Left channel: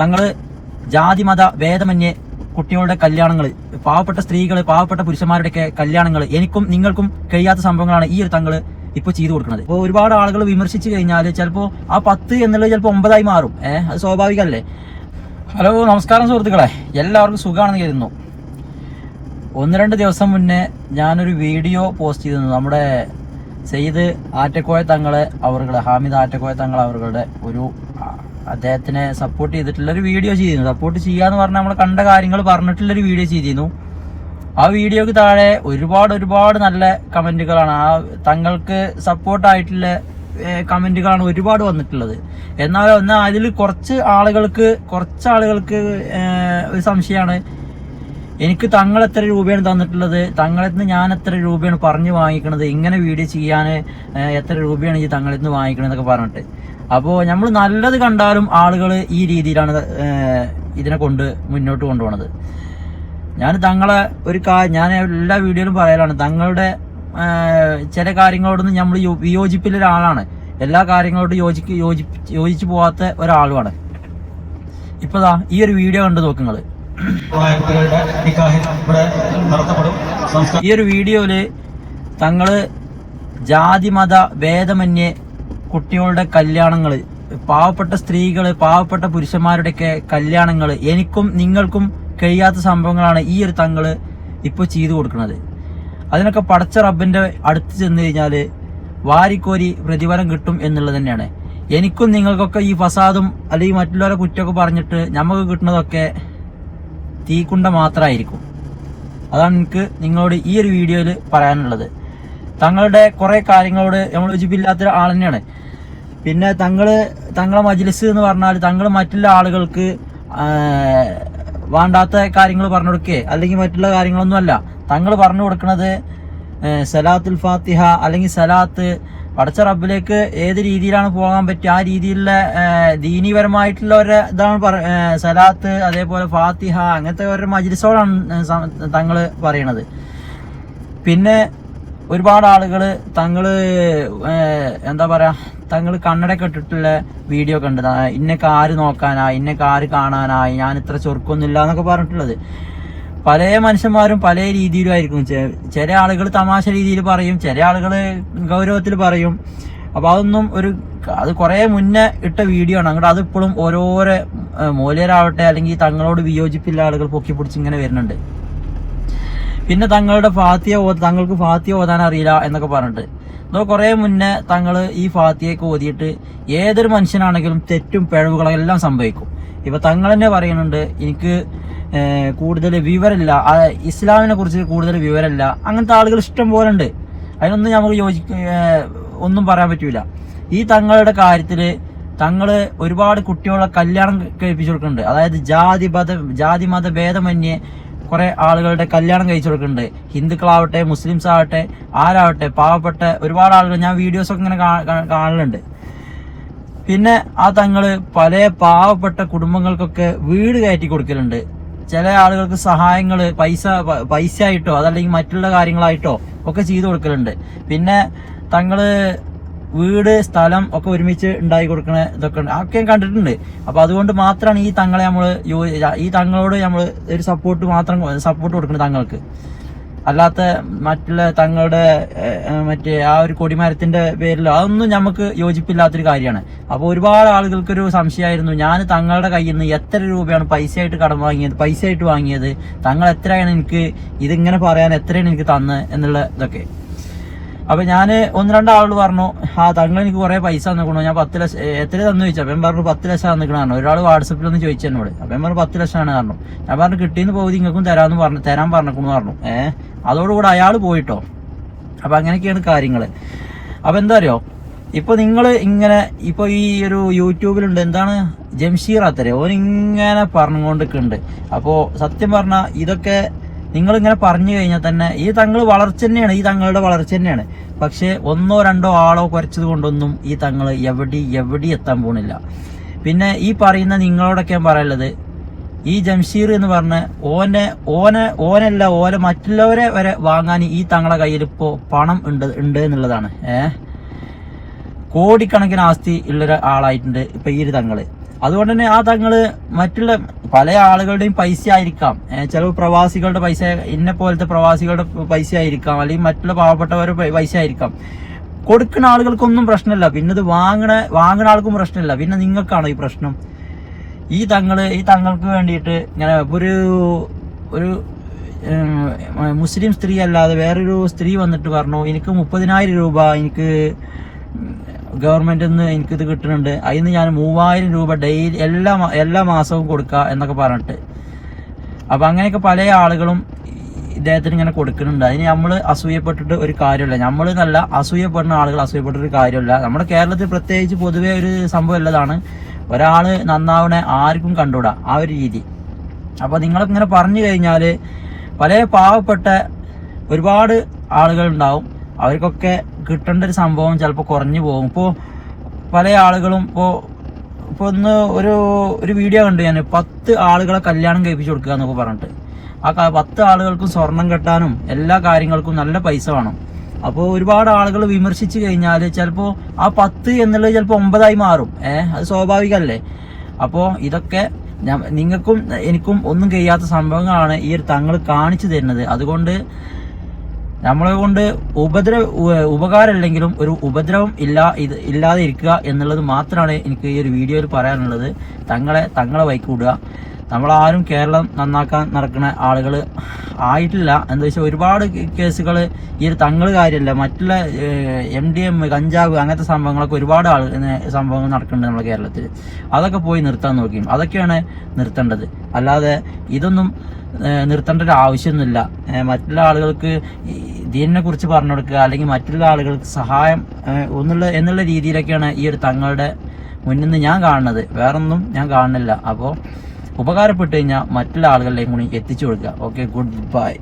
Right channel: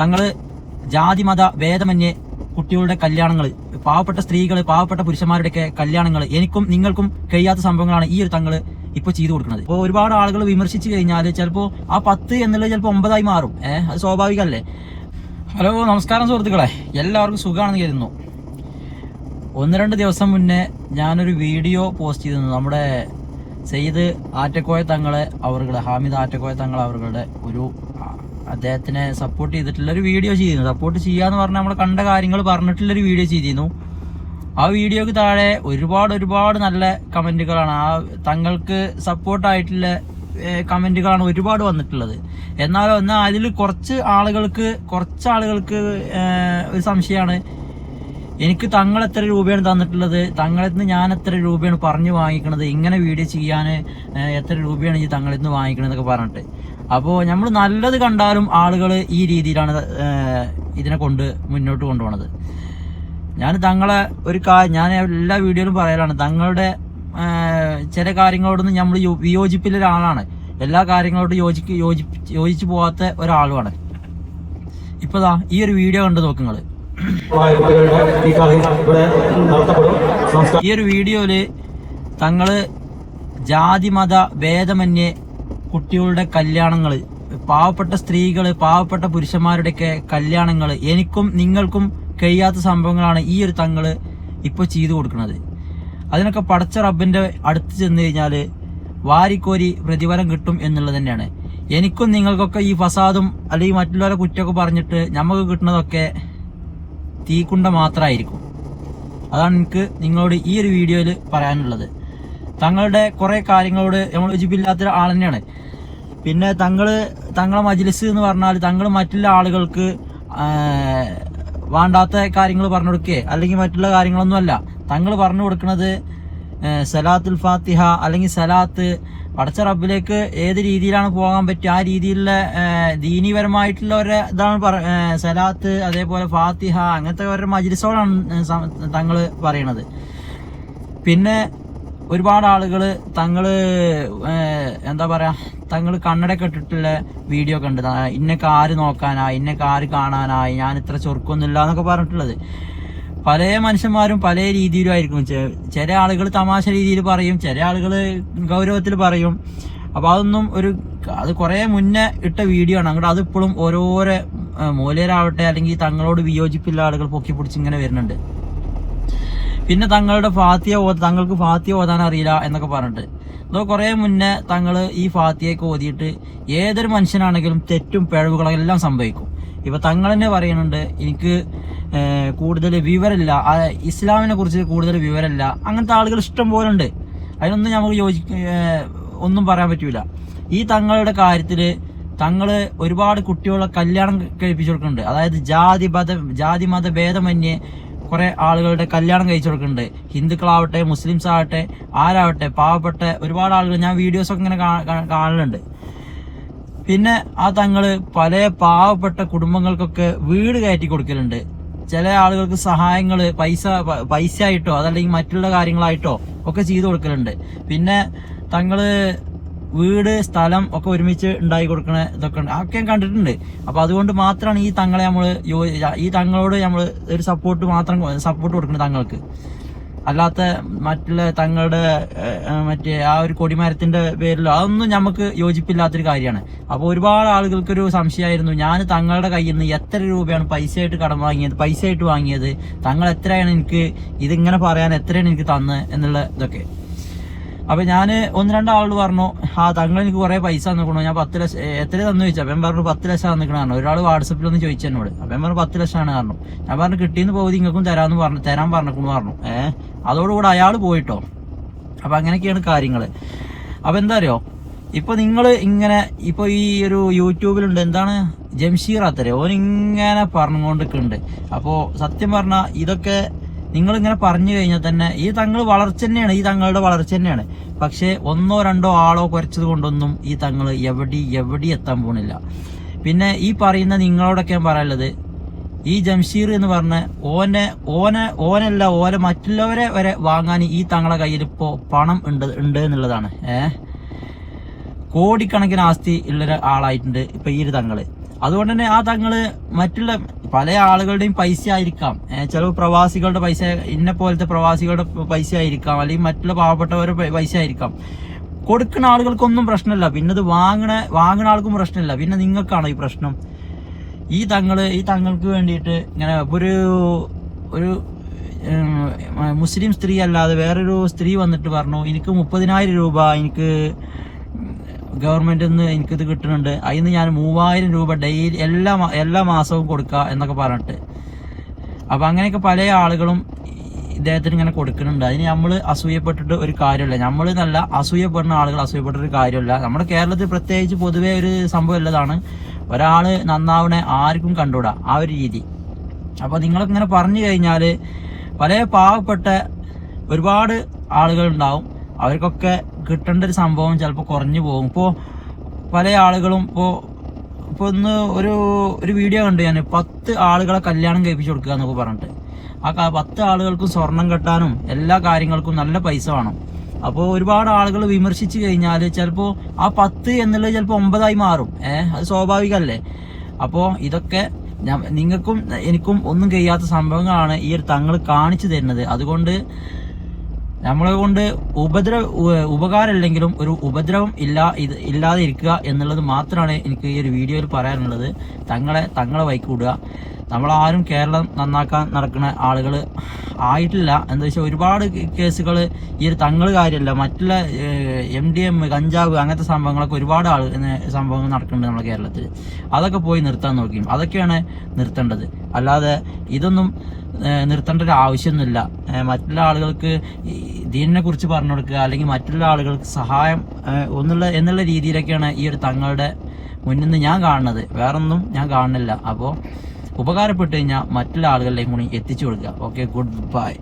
തങ്ങൾ ജാതിമത ഭേദമന്യേ കുട്ടികളുടെ കല്യാണങ്ങൾ പാവപ്പെട്ട സ്ത്രീകൾ പാവപ്പെട്ട പുരുഷന്മാരുടെയൊക്കെ കല്യാണങ്ങൾ എനിക്കും നിങ്ങൾക്കും കഴിയാത്ത സംഭവങ്ങളാണ് ഈ ഒരു തങ്ങൾ ഇപ്പൊ ചെയ്തു കൊടുക്കുന്നത്. ഇപ്പോൾ ഒരുപാട് ആളുകൾ വിമർശിച്ചു കഴിഞ്ഞാൽ ചിലപ്പോൾ ആ പത്ത് എന്നുള്ളത് ചിലപ്പോൾ ഒമ്പതായി മാറും. ഏഹ് അത് സ്വാഭാവികമല്ലേ? ഹലോ നമസ്കാരം സുഹൃത്തുക്കളെ. എല്ലാവർക്കും സുഖമാണെന്ന് കരുതുന്നു. ഒന്ന് രണ്ട് ദിവസം മുന്നേ ഞാനൊരു വീഡിയോ പോസ്റ്റ് ചെയ്തിരുന്നു. നമ്മുടെ സെയ്ദ് ആറ്റക്കോയ തങ്ങളെ അവരുടെ ഹാമിദ് ആറ്റക്കോയ തങ്ങൾ അവരുടെ ഒരു അദ്ദേഹത്തിനെ സപ്പോർട്ട് ചെയ്തിട്ടുള്ള ഒരു വീഡിയോ ചെയ്തിരുന്നു. സപ്പോർട്ട് ചെയ്യാന്ന് പറഞ്ഞാൽ നമ്മൾ കണ്ട കാര്യങ്ങൾ പറഞ്ഞിട്ടുള്ള ഒരു വീഡിയോ ചെയ്തിരുന്നു. ആ വീഡിയോക്ക് താഴെ ഒരുപാട് ഒരുപാട് നല്ല കമന്റുകളാണ്. ആ തങ്ങൾക്ക് സപ്പോർട്ടായിട്ടുള്ള കമന്റുകളാണ് ഒരുപാട് വന്നിട്ടുള്ളത്. എന്നാൽ എന്നാൽ അതിൽ കുറച്ച് ആളുകൾക്ക് കുറച്ച് ആളുകൾക്ക് ഒരു സംശയമാണ്. എനിക്ക് തങ്ങൾ എത്ര രൂപയാണ് തന്നിട്ടുള്ളത്? തങ്ങളിൽ നിന്ന് ഞാൻ എത്ര രൂപയാണ് പറഞ്ഞു വാങ്ങിക്കണത്? ഇങ്ങനെ വീഡിയോ ചെയ്യാൻ എത്ര രൂപയാണ് ഈ തങ്ങളിൽ നിന്ന് വാങ്ങിക്കണതെന്നൊക്കെ പറഞ്ഞിട്ട്. അപ്പോൾ നമ്മൾ നല്ലത് കണ്ടാലും ആളുകൾ ഈ രീതിയിലാണ് ഇതിനെ കൊണ്ട് മുന്നോട്ട് കൊണ്ടുപോണത്. ഞാൻ തങ്ങളെ ഒരു കാര്യം ഞാൻ എല്ലാ വീഡിയോയിലും പറയാനാണ് തങ്ങളുടെ ചില കാര്യങ്ങളോടൊന്നും നമ്മൾ വിയോജിപ്പില്ല ഒരാളാണ്. എല്ലാ കാര്യങ്ങളോടും യോജിക്ക് യോജി യോജിച്ചു പോവാത്ത ഒരാളുമാണ്. ഇപ്പതാ ഈ ഒരു വീഡിയോ കണ്ടു നടത്തപ്പെടും ഈ ഒരു വീഡിയോയിൽ തങ്ങൾ ജാതി മത ഭേദമന്യേ കുട്ടികളുടെ കല്യാണങ്ങൾ പാവപ്പെട്ട സ്ത്രീകൾ പാവപ്പെട്ട പുരുഷന്മാരുടെയൊക്കെ കല്യാണങ്ങൾ എനിക്കും നിങ്ങൾക്കും കഴിയാത്ത സംഭവങ്ങളാണ് ഈ ഒരു തങ്ങൾ ഇപ്പൊ ചെയ്തു കൊടുക്കുന്നത്. അതിനൊക്കെ പടച്ച റബ്ബിന്റെ അടുത്ത് ചെന്ന് കഴിഞ്ഞാൽ വാരിക്കോരി പ്രതിഫലം കിട്ടും എന്നുള്ളത് തന്നെയാണ്. എനിക്കും നിങ്ങൾക്കൊക്കെ ഈ ഫസാദും അല്ലെങ്കിൽ മറ്റുള്ളവരെ കുറ്റമൊക്കെ പറഞ്ഞിട്ട് നമുക്ക് കിട്ടുന്നതൊക്കെ തീക്കുണ്ട മാത്രമായിരിക്കും. അതാണ് എനിക്ക് നിങ്ങളോട് ഈ ഒരു വീഡിയോയിൽ പറയാനുള്ളത്. തങ്ങളുടെ കുറെ കാര്യങ്ങളോട് നമ്മൾ യോജിപ്പില്ലാത്ത ആൾ തന്നെയാണ്. പിന്നെ തങ്ങൾ തങ്ങളെ മജ്ലിസ് എന്ന് പറഞ്ഞാൽ തങ്ങൾ മറ്റുള്ള ആളുകൾക്ക് വേണ്ടാത്ത കാര്യങ്ങൾ പറഞ്ഞു കൊടുക്കേ. അല്ലെങ്കിൽ മറ്റുള്ള കാര്യങ്ങളൊന്നും അല്ല. തങ്ങൾ പറഞ്ഞു കൊടുക്കുന്നത് സലാത്തുൽ ഫാത്തിഹ അല്ലെങ്കിൽ സലാത്ത് പടച്ച റബ്ബിലേക്ക് ഏത് രീതിയിലാണ് പോകാൻ പറ്റുക ആ രീതിയിലുള്ള ദീനീപരമായിട്ടുള്ള ഒരു ഇതാണ് പറ സലാത്ത് അതേപോലെ ഫാത്തിഹ അങ്ങനത്തെ ഒരു മജ്ലിസോടാണ് തങ്ങൾ പറയണത്. പിന്നെ ഒരുപാട് ആളുകൾ തങ്ങൾ എന്താ പറയാ തങ്ങൾ കണ്ണടയൊക്കെ ഇട്ടിട്ടുള്ള വീഡിയോ കണ്ടതാ. ഇന്നൊക്കെ ആര് നോക്കാനാ? ഇന്നൊക്കെ ആര് കാണാനായി ഞാൻ ഇത്ര ചൊറുക്കൊന്നുമില്ല എന്നൊക്കെ പറഞ്ഞിട്ടുള്ളത്. പല മനുഷ്യന്മാരും പല രീതിയിലുമായിരിക്കും ചില ആളുകൾ തമാശ രീതിയിൽ പറയും ചില ആളുകൾ ഗൗരവത്തിൽ പറയും. അപ്പോൾ അതൊന്നും ഒരു അത് കുറേ മുന്നേ ഇട്ട വീഡിയോ ആണ്. അങ്ങോട്ട് അതിപ്പോഴും ഓരോരോ മൂലയിലാവട്ടെ അല്ലെങ്കിൽ തങ്ങളോട് വിയോജിപ്പില്ല ആളുകൾ പൊക്കി പിടിച്ച് ഇങ്ങനെ വരുന്നുണ്ട്. പിന്നെ തങ്ങളുടെ ഫാത്തിയ തങ്ങൾക്ക് ഫാത്തിയ ഓതാൻ അറിയില്ല എന്നൊക്കെ പറഞ്ഞിട്ട്. അതോ കുറെ മുന്നേ തങ്ങൾ ഈ ഫാത്തിയൊക്കെ ഓതിയിട്ട് ഏതൊരു മനുഷ്യനാണെങ്കിലും തെറ്റും പിഴവുകളും എല്ലാം സംഭവിക്കും. ഇപ്പൊ തങ്ങൾ തന്നെ പറയുന്നുണ്ട് എനിക്ക് കൂടുതൽ വിവരമില്ല. ഇസ്ലാമിനെ കുറിച്ച് കൂടുതൽ വിവരമില്ല. അങ്ങനത്തെ ആളുകൾ ഇഷ്ടം പോലെ ഉണ്ട്. അതിനൊന്നും നമുക്ക് യോജി ഒന്നും പറയാൻ പറ്റൂല. ഈ തങ്ങളുടെ കാര്യത്തിൽ തങ്ങൾ ഒരുപാട് കുട്ടികളെ കല്യാണം കഴിപ്പിച്ചു കൊടുക്കുന്നുണ്ട്. അതായത് ജാതി മത ജാതി മത ഭേദമന്യേ കുറെ ആളുകളുടെ കല്യാണം കഴിച്ചു കൊടുക്കുന്നുണ്ട്. ഹിന്ദുക്കളാവട്ടെ മുസ്ലിംസ് ആവട്ടെ ആരാവട്ടെ പാവപ്പെട്ട ഒരുപാട് ആളുകൾ ഞാൻ വീഡിയോസ് ഒക്കെ ഇങ്ങനെ കാണലുണ്ട്. പിന്നെ ആ തങ്ങൾ പല പാവപ്പെട്ട കുടുംബങ്ങൾക്കൊക്കെ വീട് കയറ്റി കൊടുക്കലുണ്ട്. ചില ആളുകൾക്ക് സഹായങ്ങൾ പൈസ പൈസ ആയിട്ടോ അതല്ലെങ്കിൽ മറ്റുള്ള കാര്യങ്ങളായിട്ടോ ഒക്കെ ചെയ്തു കൊടുക്കലുണ്ട്. പിന്നെ തങ്ങൾ വീട് സ്ഥലം ഒക്കെ ഒരുമിച്ച് ഉണ്ടായി കൊടുക്കണ ഇതൊക്കെ ഉണ്ട് അതൊക്കെ കണ്ടിട്ടുണ്ട്. അപ്പൊ അതുകൊണ്ട് മാത്രമാണ് ഈ തങ്ങളെ നമ്മൾ ഈ തങ്ങളോട് നമ്മൾ ഒരു സപ്പോർട്ട് മാത്രം സപ്പോർട്ട് കൊടുക്കുന്നത് തങ്ങൾക്ക്. അല്ലാത്ത മറ്റുള്ള തങ്ങളുടെ മറ്റേ ആ ഒരു കൊടിമരത്തിന്റെ പേരിലോ അതൊന്നും നമുക്ക് യോജിപ്പില്ലാത്തൊരു കാര്യമാണ്. അപ്പോൾ ഒരുപാട് ആളുകൾക്കൊരു സംശയമായിരുന്നു. ഞാൻ തങ്ങളുടെ കയ്യിൽ നിന്ന് എത്ര രൂപയാണ് പൈസയായിട്ട് കടം വാങ്ങിയത് പൈസയായിട്ട് വാങ്ങിയത്? തങ്ങൾ എത്രയാണ് എനിക്ക് ഇതിങ്ങനെ പറയാൻ എത്രയാണ് എനിക്ക് തന്നത് എന്നുള്ള ഇതൊക്കെ. അപ്പൊ ഞാൻ ഒന്ന് രണ്ടാളോട് പറഞ്ഞു ആ തങ്ങൾ എനിക്ക് കുറെ പൈസ തന്നിക്കണു. ഞാൻ പത്ത് ലക്ഷം എത്ര തന്നു ചോദിച്ചു? അപ്പം പറഞ്ഞു പത്ത് ലക്ഷം തന്നിക്കണു ഒരാൾ വാട്സപ്പിൽ ഒന്ന് ചോദിച്ചു എന്നോട്. അപ്പം പറഞ്ഞു പത്ത് ലക്ഷമാണ് പറഞ്ഞു. ഞാൻ പറഞ്ഞു കിട്ടിയെന്ന് പോയി നിങ്ങൾക്കും തരാമെന്ന് പറഞ്ഞു തരാൻ പറഞ്ഞേക്കുന്നു പറഞ്ഞു. ഏഹ് അതോടുകൂടെ അയാൾ പോയിട്ടോ. അപ്പൊ അങ്ങനെയൊക്കെയാണ് കാര്യങ്ങൾ. അപ്പൊ എന്താ അറിയോ? ഇപ്പൊ നിങ്ങൾ ഇങ്ങനെ ഇപ്പൊ ഈ ഒരു യൂട്യൂബിലുണ്ട് എന്താണ്? ജംഷീർ അത്തരെ. ഓൻ ഇങ്ങനെ പറഞ്ഞുകൊണ്ടിരിക്കുന്നുണ്ട് അപ്പോ സത്യം പറഞ്ഞ ഇതൊക്കെ നിങ്ങൾ ഇങ്ങനെ പറഞ്ഞു കഴിഞ്ഞാൽ തന്നെ ഈ തങ്ങൾ വളർച്ച തന്നെയാണ് ഈ തങ്ങളുടെ വളർച്ച തന്നെയാണ്. പക്ഷേ ഒന്നോ രണ്ടോ ആളോ കുറച്ചത് കൊണ്ടൊന്നും ഈ തങ്ങൾ എവിടെ എവിടെ എത്താൻ പോണില്ല. പിന്നെ ഈ പറയുന്ന നിങ്ങളോടൊക്കെ ഞാൻ പറയുള്ളത് ഈ ജംഷീർ എന്ന് പറഞ്ഞ ഓനെ ഓനെ ഓനല്ല ഓനെ മറ്റുള്ളവരെ വരെ വാങ്ങാൻ ഈ തങ്ങളെ കയ്യിൽ ഇപ്പോൾ പണം ഉണ്ട് ഉണ്ട് എന്നുള്ളതാണ്. ഏഹ്? കോടിക്കണക്കിന് ആസ്തി ഉള്ളൊരു ആളായിട്ടുണ്ട് ഇപ്പൊ ഈ ഒരു തങ്ങൾ. അതുകൊണ്ട് തന്നെ ആ തങ്ങൾ മറ്റുള്ള പല ആളുകളുടെയും പൈസ ആയിരിക്കാം ചില പ്രവാസികളുടെ പൈസ ഇന്ന പോലത്തെ പ്രവാസികളുടെ പൈസ ആയിരിക്കാം അല്ലെങ്കിൽ മറ്റുള്ള പാവപ്പെട്ടവരുടെ പൈസ ആയിരിക്കാം കൊടുക്കുന്ന ആളുകൾക്കൊന്നും പ്രശ്നമില്ല. പിന്നെ ഇത് വാങ്ങണ വാങ്ങണ ആൾക്കും പ്രശ്നമില്ല. പിന്നെ നിങ്ങൾക്കാണോ ഈ പ്രശ്നം? ഈ തങ്ങൾ ഈ തങ്ങൾക്ക് വേണ്ടിയിട്ട് ഇങ്ങനെ ഒരു ഒരു മുസ്ലിം സ്ത്രീ അല്ലാതെ വേറൊരു സ്ത്രീ വന്നിട്ട് പറഞ്ഞു എനിക്ക് മുപ്പതിനായിരം രൂപ എനിക്ക് ഗവൺമെന്റിൽ നിന്ന് എനിക്കിത് കിട്ടുന്നുണ്ട്. അതിന് ഞാൻ മൂവായിരം രൂപ ഡെയിലി എല്ലാ എല്ലാ മാസവും കൊടുക്കുക എന്നൊക്കെ പറഞ്ഞിട്ട്. അപ്പോൾ അങ്ങനെയൊക്കെ പല ആളുകളും ഇദ്ദേഹത്തിന് ഇങ്ങനെ കൊടുക്കുന്നുണ്ട്. അതിന് നമ്മൾ അസൂയപ്പെട്ടിട്ട് ഒരു കാര്യമില്ല. നമ്മൾ നല്ല അസൂയപ്പെടുന്ന ആളുകൾ അസൂയപ്പെട്ടൊരു കാര്യമില്ല. നമ്മുടെ കേരളത്തിൽ പ്രത്യേകിച്ച് പൊതുവേ ഒരു സംഭവം ഉള്ളതാണ് ഒരാൾ നന്നാവണെ ആർക്കും കണ്ടുകൂടാ ആ ഒരു രീതി. അപ്പോൾ അപ്പൊ നിങ്ങളിങ്ങനെ പറഞ്ഞു കഴിഞ്ഞാൽ പല പാവപ്പെട്ട ഒരുപാട് ആളുകൾ ഉണ്ടാവും അവർക്കൊക്കെ കിട്ടേണ്ട ഒരു സംഭവം ചിലപ്പോൾ കുറഞ്ഞു പോകും. ഇപ്പോൾ പല ആളുകളും ഇപ്പോൾ ഇപ്പോൾ ഒന്ന് ഒരു ഒരു വീഡിയോ കണ്ടു ഞാൻ. പത്ത് ആളുകളെ കല്യാണം കഴിപ്പിച്ചു കൊടുക്കുക എന്നൊക്കെ പറഞ്ഞിട്ട്. ആ പത്ത് ആളുകൾക്കും സ്വർണം കെട്ടാനും എല്ലാ കാര്യങ്ങൾക്കും നല്ല പൈസ വേണം. അപ്പോൾ ഒരുപാട് ആളുകൾ വിമർശിച്ചു കഴിഞ്ഞാൽ ചിലപ്പോൾ ആ പത്ത് എന്നുള്ളത് ചിലപ്പോൾ ഒമ്പതായി മാറും. ഏഹ് അത് സ്വാഭാവികമല്ലേ? അപ്പോൾ ഇതൊക്കെ നിങ്ങൾക്കും എനിക്കും ഒന്നും കഴിയാത്ത സംഭവങ്ങളാണ് ഈ ഒരു തങ്ങൾ കാണിച്ചു തരുന്നത്. അതുകൊണ്ട് നമ്മളെ കൊണ്ട് ഉപദ്രവ ഉപകാരം ഇല്ലെങ്കിലും ഒരു ഉപദ്രവം ഇല്ല ഇത് ഇല്ലാതെ ഇരിക്കുക എന്നുള്ളത് മാത്രമാണ് എനിക്ക് ഈ ഒരു വീഡിയോയിൽ പറയാനുള്ളത്. തങ്ങളെ തങ്ങളെ വൈക്കൂടുക. നമ്മളാരും കേരളം നന്നാക്കാൻ നടക്കുന്ന ആളുകൾ ആയിട്ടില്ല. എന്താ വെച്ചാൽ ഒരുപാട് കേസുകൾ ഈ ഒരു തങ്ങൾ കാര്യമല്ല. മറ്റുള്ള എം ഡി എം കഞ്ചാവ് അങ്ങനത്തെ സംഭവങ്ങളൊക്കെ ഒരുപാട് ആൾ സംഭവങ്ങൾ നടക്കുന്നുണ്ട് നമ്മുടെ കേരളത്തിൽ അതൊക്കെ പോയി നിർത്താൻ നോക്കിയും. അതൊക്കെയാണ് നിർത്തേണ്ടത്. അല്ലാതെ ഇതൊന്നും നിർത്തേണ്ട ഒരു ആവശ്യമൊന്നുമില്ല. മറ്റുള്ള ആളുകൾക്ക് ഇതിനെ കുറിച്ച് പറഞ്ഞു കൊടുക്കുക അല്ലെങ്കിൽ മറ്റുള്ള ആളുകൾക്ക് സഹായം ഒന്നുള്ള എന്നുള്ള എന്നുള്ള രീതിയിലൊക്കെയാണ് ഈ ഒരു തങ്ങളുടെ മുന്നിൽ നിന്ന് ഞാൻ കാണുന്നത്. വേറൊന്നും ഞാൻ കാണുന്നില്ല. അപ്പോൾ ഉപകാരപ്പെട്ട് കഴിഞ്ഞാൽ മറ്റുള്ള ആളുകളിലേക്കും കൂടി എത്തിച്ചു കൊടുക്കുക. Okay good bye